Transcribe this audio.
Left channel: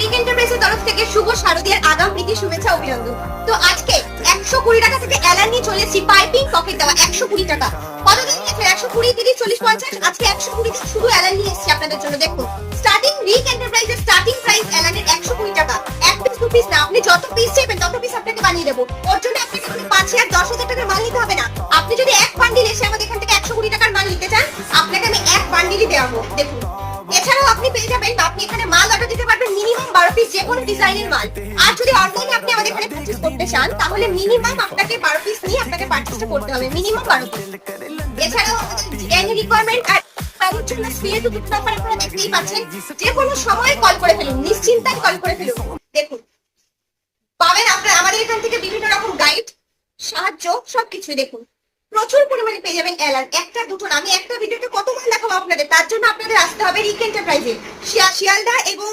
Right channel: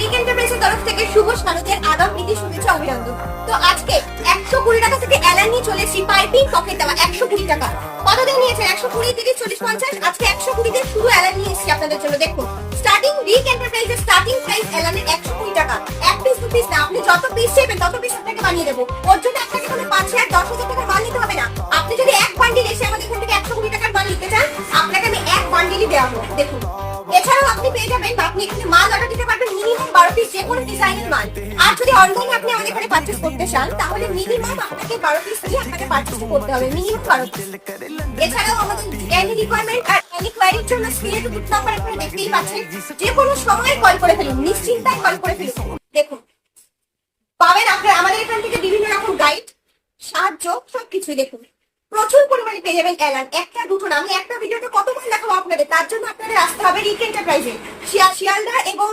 রিক এন্টারপ্রাইজের তরফ থেকে শুভ শারদীয়ার আগাম প্রীতি শুভেচ্ছা অভিনন্দন। তো আজকে 120 টাকা থেকে অ্যালান নিয়ে চলেছি পাইপিং পকেট দেওয়া 120 টাকা। কতদিন নিয়েছে? 120, 30, 40, 50। আজকে 120 তে শুধু অ্যালান নিয়ে এসেছি আপনাদের জন্য। দেখুন স্টার্টিং রিক এন্টারপ্রাইজের স্টার্টিং প্রাইস অ্যালানের 120 টাকা। এক পিস দু পিস না, আপনি যত পিস চাইবেন তত পিস আপনাকে বানিয়ে দেবো। ওর জন্য আপনাকে কোনো 5,000 10,000 টাকার মাল নিতে হবে না। আপনি যদি এক বান্ডিল এসে আমাদের এখান থেকে 120 টাকার মাল নিতে চান, আপনাকে আমি এক বান্ডিলই দেওয়াবো। দেখুন এছাড়াও আপনি পেয়ে যাবেন, আপনি এখানে মাল অর্ডার দিতে পারবেন মিনিমাম 12 পিস যে কোনো ডিজাইনের মাল। আর যদি অনলাইনে আপনি আমাদের এখানে পারচেজ করতে চান তাহলে মিনিমাম আপনাকে 12 পিস নিয়ে আপনাকে পারচেজটা করতে হবে, মিনিমাম 12 পিস। এছাড়াও আমাদের এনি রিকোয়ারমেন্ট আর এনি কোয়ারির জন্য স্ক্রিনে টু নাম্বার এখানে দেখতেই পাচ্ছেন, যে কোনো সময় কল করে ফেলুন, নিশ্চিন্তায় কল করে ফেলুন। দেখুন পাবেন আপনারা আমাদের এখান থেকে বিভিন্ন রকম গাইড, সাহায্য, সবকিছুই। দেখুন প্রচুর পরিমাণে পেয়ে যাবেন অ্যালান। একটা দুটো না, আমি একটা ভিডিওতে কত মাল দেখাবো আপনাদের। তার জন্য আপনাদের আসতে হবে রিক এন্টারপ্রাইজে, শিয়ালদা এবং